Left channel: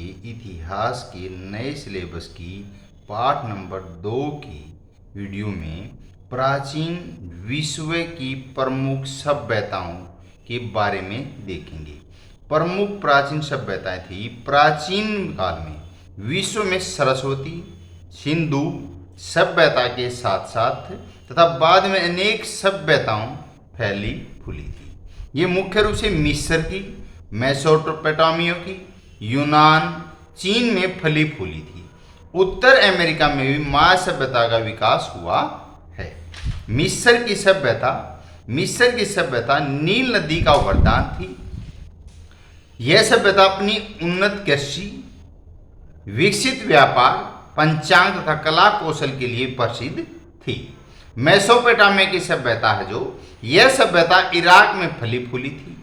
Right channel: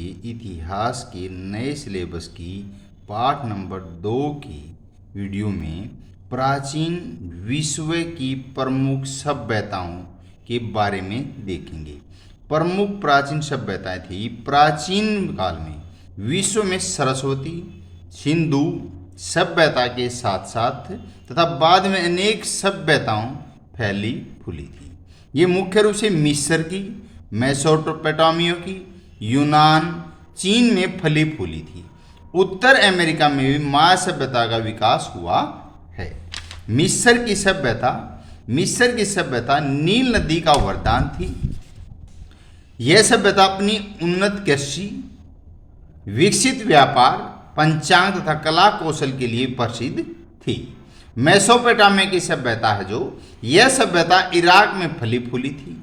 इतिहास के नए सिलेबस की पाठ नंबर 2 की वीडियो में प्राचीन विश्व की प्रमुख सभ्यताओं के बारे में देखेंगे। प्रमुख प्राचीन सभ्यताएं थी। प्राचीन काल में विश्व में सरस्वती सिंधु सभ्यता के साथ साथ तथा बाद में अनेक सभ्यताओं फैली फूली थी। ये मुख्य रूप से मिस्र की, मेसोपोटामिया की, यूनान, चीन में फली फूली थी। उत्तर अमेरिका में भी माया सभ्यता का विकास हुआ है। मिस्र की सभ्यता नील नदी का वरदान थी। यह सभ्यता अपनी उन्नत कृषि, विकसित व्यापार, पंचांग तथा कला कौशल के लिए प्रसिद्ध थी। मेसोपोटामिया की सभ्यता है जो यह सभ्यता इराक में फली फूली थी।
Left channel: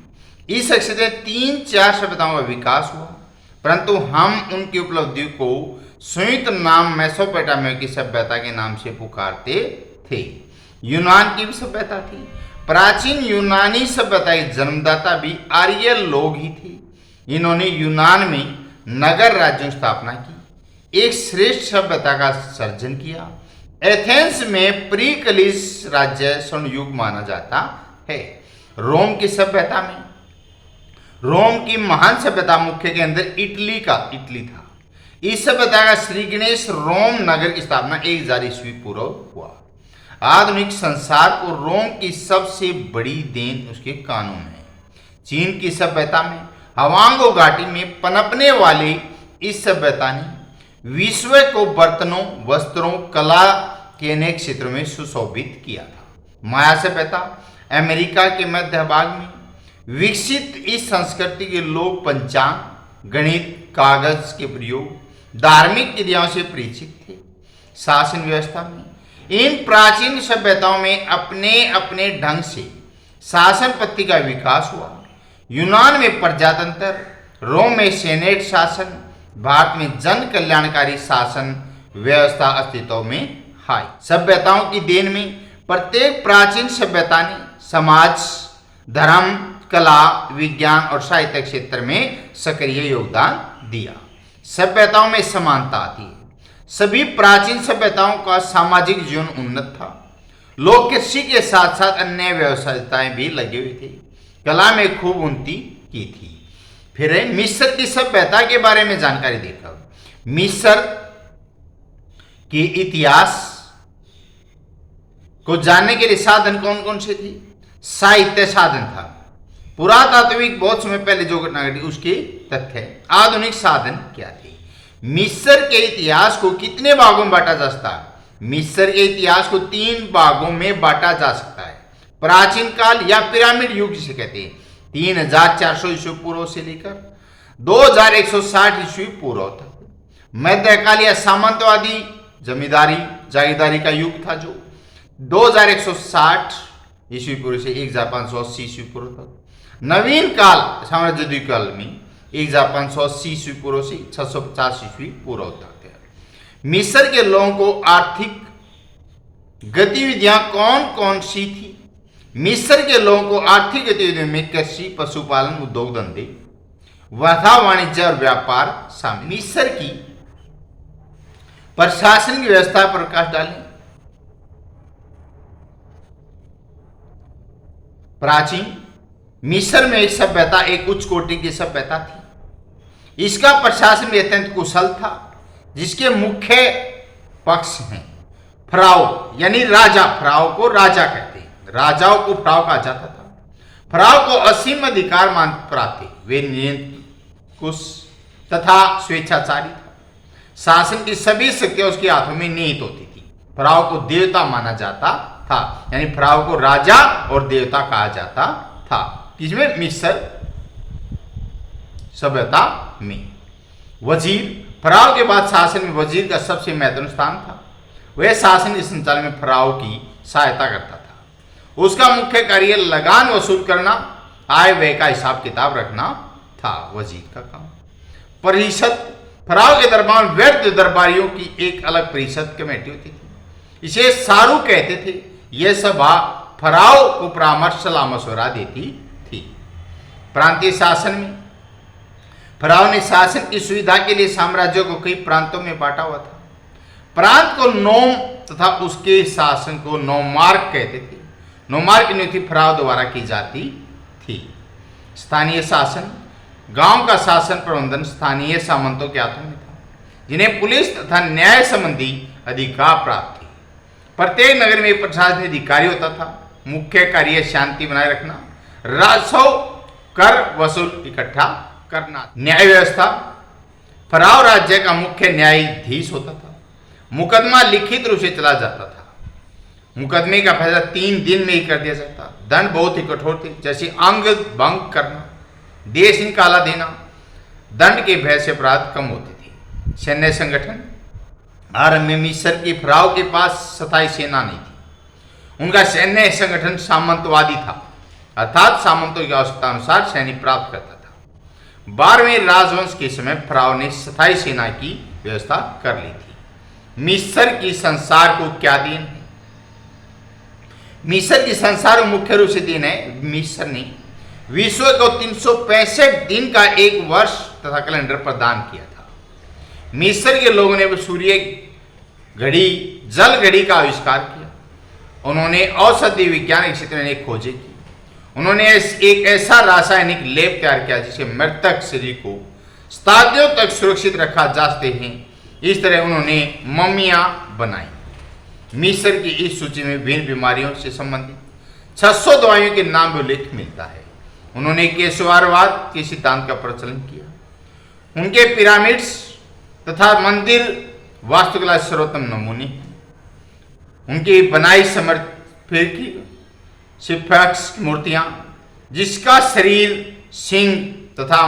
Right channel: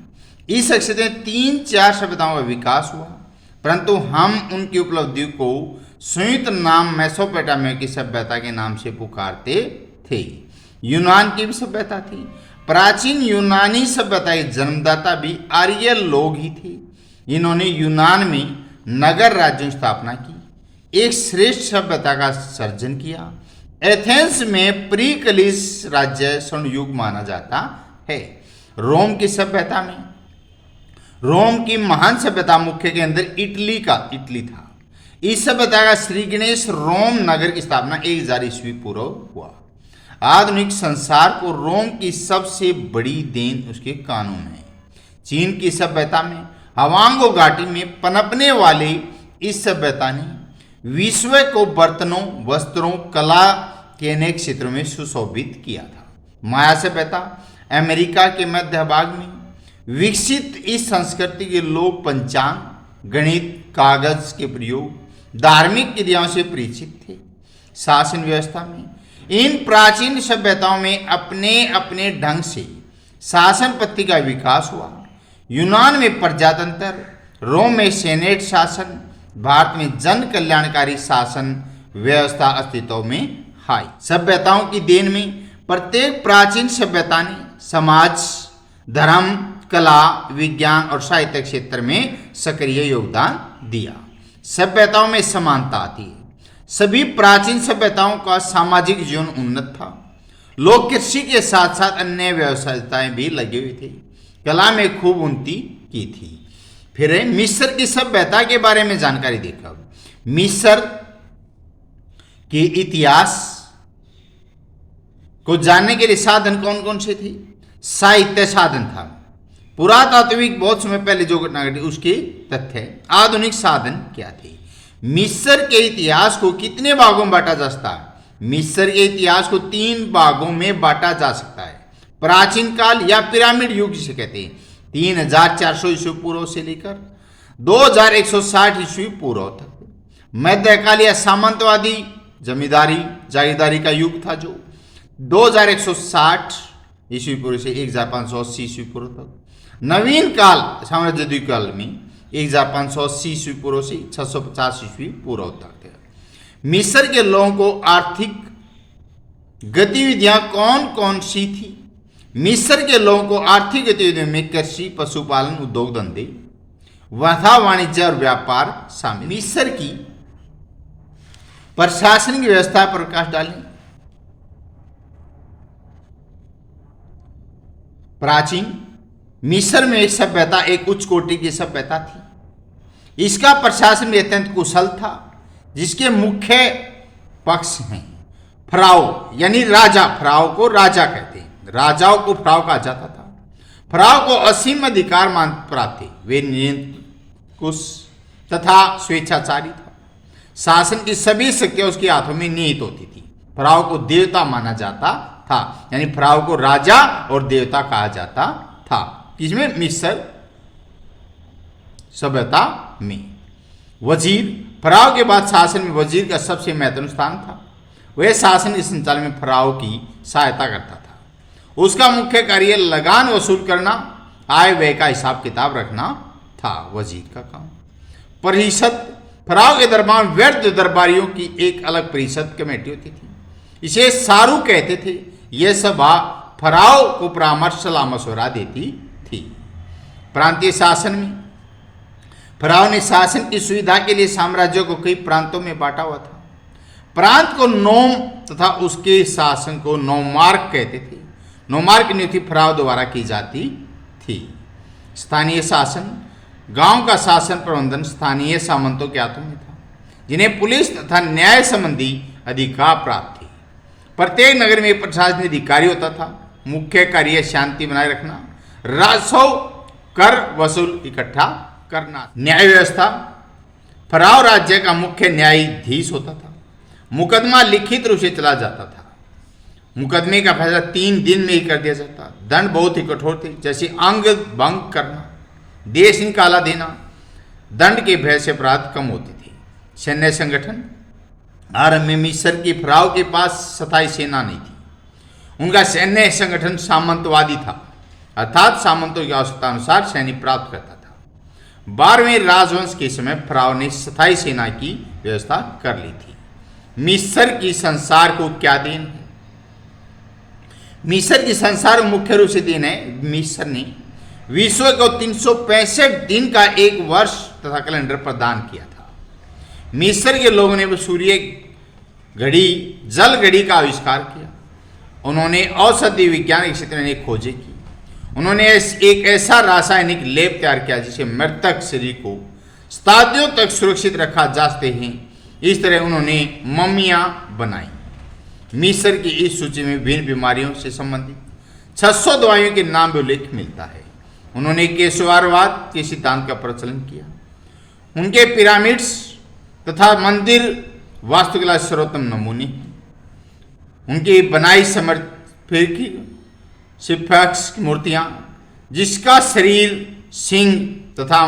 इस क्षेत्र में 3-4 सभ्यताओं का विकास हुआ, परंतु हम उनकी उपलब्धियों को संयुक्त नाम मेसोपोटामिया की सभ्यता के नाम से पुकारते थे। यूनान की भी सभ्यता थी। प्राचीन यूनानी सभ्यता के जन्मदाता भी आर्य लोग ही थे। इन्होंने यूनान में नगर राज्यों की स्थापना की, एक श्रेष्ठ सभ्यता का सर्जन किया। एथेंस में प्री कलिस राज्य स्वर्ण युग माना जाता है। रोम की सभ्यता में रोम की महान सभ्यता मुख्य केंद्र इटली था। इस सभ्यता का श्री गणेश रोम नगर की स्थापना 1000 ईस्वी पूर्व हुआ। आधुनिक संसार को रोम की सबसे बड़ी देन उसके कानून है। चीन की सभ्यता में हवांगो घाटी में पनपने वाली इस सभ्यता ने विश्व को बर्तनों, वस्त्रों, कला के अनेक क्षेत्रों में सुशोभित किया था। माया सभ्यता अमेरिका के मध्य भाग में विकसित इस संस्कृति के लोग पंचांग, गणित, कागज के प्रयोग, धार्मिक क्रियाओं से परिचित थे। शासन व्यवस्था में इन प्राचीन सभ्यताओं में अपने अपने ढंग से शासन पद्धति का विकास हुआ। यूनान में प्रजातंत्र, रोम में सेनेट शासन, भारत में जन कल्याणकारी शासन व्यवस्था अस्तित्व में आई। सभ्यताओं की देन में प्रत्येक प्राचीन सभ्यता ने समाज, धर्म, कला, विज्ञान और साहित्य क्षेत्र में सक्रिय योगदान दिया। सभ्यताओं में समानता आती है। सभी प्राचीन सभ्यताओं का सामाजिक जीवन उन्नत था। लोग कृषि के साथ साथ अन्य व्यवसायताएं भी लगे हुए थे। कला में खूब उन्नति की थी। फिर मिस्र की सभ्यता के बारे में जानकारी देखा। मिस्र के इतिहास को जानने के लिए साधन कौन कौन से थे? साहित्य साधन था। पुरातात्विक बहुत समय पहले जो घटना घटी उसके तथ्य। आधुनिक साधन क्या थे? मिस्र के इतिहास को कितने भागों में बांटा जा सकता है? मिस्र के इतिहास को 3 भागों में बांटा जा सकता है। प्राचीन काल या पिरामिड युग जिसे कहते हैं, 3400 ईस्वी पूर्व से लेकर 2160 ईस्वी पूर्व तक। मध्यकाल या सामंतवादी जमींदारी जागीरदारी का युग था जो 2160 ईस्वी पूर्व से 1580 ईस्वी पूर्व तक। नवीन काल साम्राज्य काल में 1580 ईस्वी पूर्व से 650 ईस्वी पूर्व तक है। मिस्र के लोगों को आर्थिक गतिविधियां कौन कौन सी थी? मिस्र के लोगों को आर्थिक गतिविधियों में कृषि, पशुपालन, उद्योग धंधे, तथा वाणिज्य और व्यापार शामिल। मिस्र की प्रशासनिक व्यवस्था पर प्रकाश डालें। प्राचीन मिस्र में एक सभ्यता एक उच्च कोटि की सभ्यता थी। इसका प्रशासन भी अत्यंत कुशल था, जिसके मुख्य पक्ष हैं फराओ यानी राजा। फराओ को राजा कहते हैं। राजाओं को फराओ कहा जाता था। फराओ को असीम अधिकार मान प्राप्त थे। वे निरंकुश तथा स्वेच्छाचारी था। शासन की सभी शक्तियां उसके हाथों में निहित होती थी। फराओ को देवता माना जाता था, यानी फराओ को राजा और देवता कहा जाता था। किसमें? मिस्र सभ्यता में। वजीर, फराओ के बाद शासन में वजीर का सबसे महत्वपूर्ण स्थान था। वह शासन के संचालन में फराओ की सहायता करता था। उसका मुख्य कार्य लगान वसूल करना, आय व्यय का हिसाब किताब रखना था वजीर का काम। परिषद, फराओ के दरबार में व्यर्थ दरबारियों की एक अलग परिषद कमेटी होती थी। इसे सारू कहते थे। यह सभा फराओ को परामर्श, सलाह मशवरा देती थी। प्रांतीय शासन में फिरौन ने शासन की सुविधा के लिए साम्राज्यों को कई प्रांतों में बांटा हुआ था। प्रांत को नोम तथा उसके शासन को नोमार्क कहते थे। नोमार्क की नियुक्ति फिरौन द्वारा की जाती थी। स्थानीय शासन, गांव का शासन प्रबंधन स्थानीय सामंतों के हाथों में था, जिन्हें पुलिस तथा न्याय संबंधी अधिकार प्राप्त थे। प्रत्येक नगर में एक प्रशासनिक अधिकारी होता था। मुख्य कार्य शांति बनाए रखना, राजस्व कर वसूल इकट्ठा करना। न्याय व्यवस्था, फिरौन राज्य का मुख्य न्यायाधीश होता था। मुकदमा लिखित रूप से चला जाता था। मुकदमे का फैसला 3 दिन में ही कर दिया जाता। दंड बहुत ही कठोर थे, जैसे अंग भंग करना, देश निकाला देना। दंड के भय से अपराध कम होते थे। सैन्य संगठन, आरंभ में मिस्र के फिरौन के पास स्थायी सेना नहीं थी। उनका सैन्य संगठन सामंतवादी था, अर्थात सामंतों की आवश्यकता अनुसार सैनिक प्राप्त करता था। 12वें राजवंश के समय फिरौन ने स्थायी सेना की व्यवस्था कर ली थी। मिस्र की संसार को क्या देन है? मिस्र की संसार में मुख्य रूप से देन है, मिस्र ने विश्व को 365 दिन का एक वर्ष तथा कैलेंडर प्रदान किया था। मिस्र के लोगों ने सूर्य घड़ी, जल घड़ी का आविष्कार किया। उन्होंने औषधि विज्ञान के क्षेत्र में खोजें की। उन्होंने एक ऐसा रासायनिक लेप तैयार किया जिससे मृतक शरीर को शताब्दियों तक सुरक्षित रखा जा सकते हैं। इस तरह उन्होंने मम्मियां बनाई। मिस्र की इस सूची में विभिन्न बीमारियों से संबंधित 600 दवाइयों के नाम भी उल्लेख मिलता है। उन्होंने केशवारवाद के सिद्धांत का प्रचलन किया। उनके पिरामिड्स तथा मंदिर वास्तुकला सर्वोत्तम नमूने हैं। उनकी बनाई समर्पित स्फिंक्स की मूर्तियां, जिसका शरीर सिंह तथा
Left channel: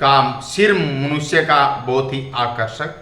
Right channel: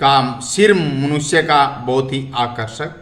का सिर मनुष्य का बहुत ही आकर्षक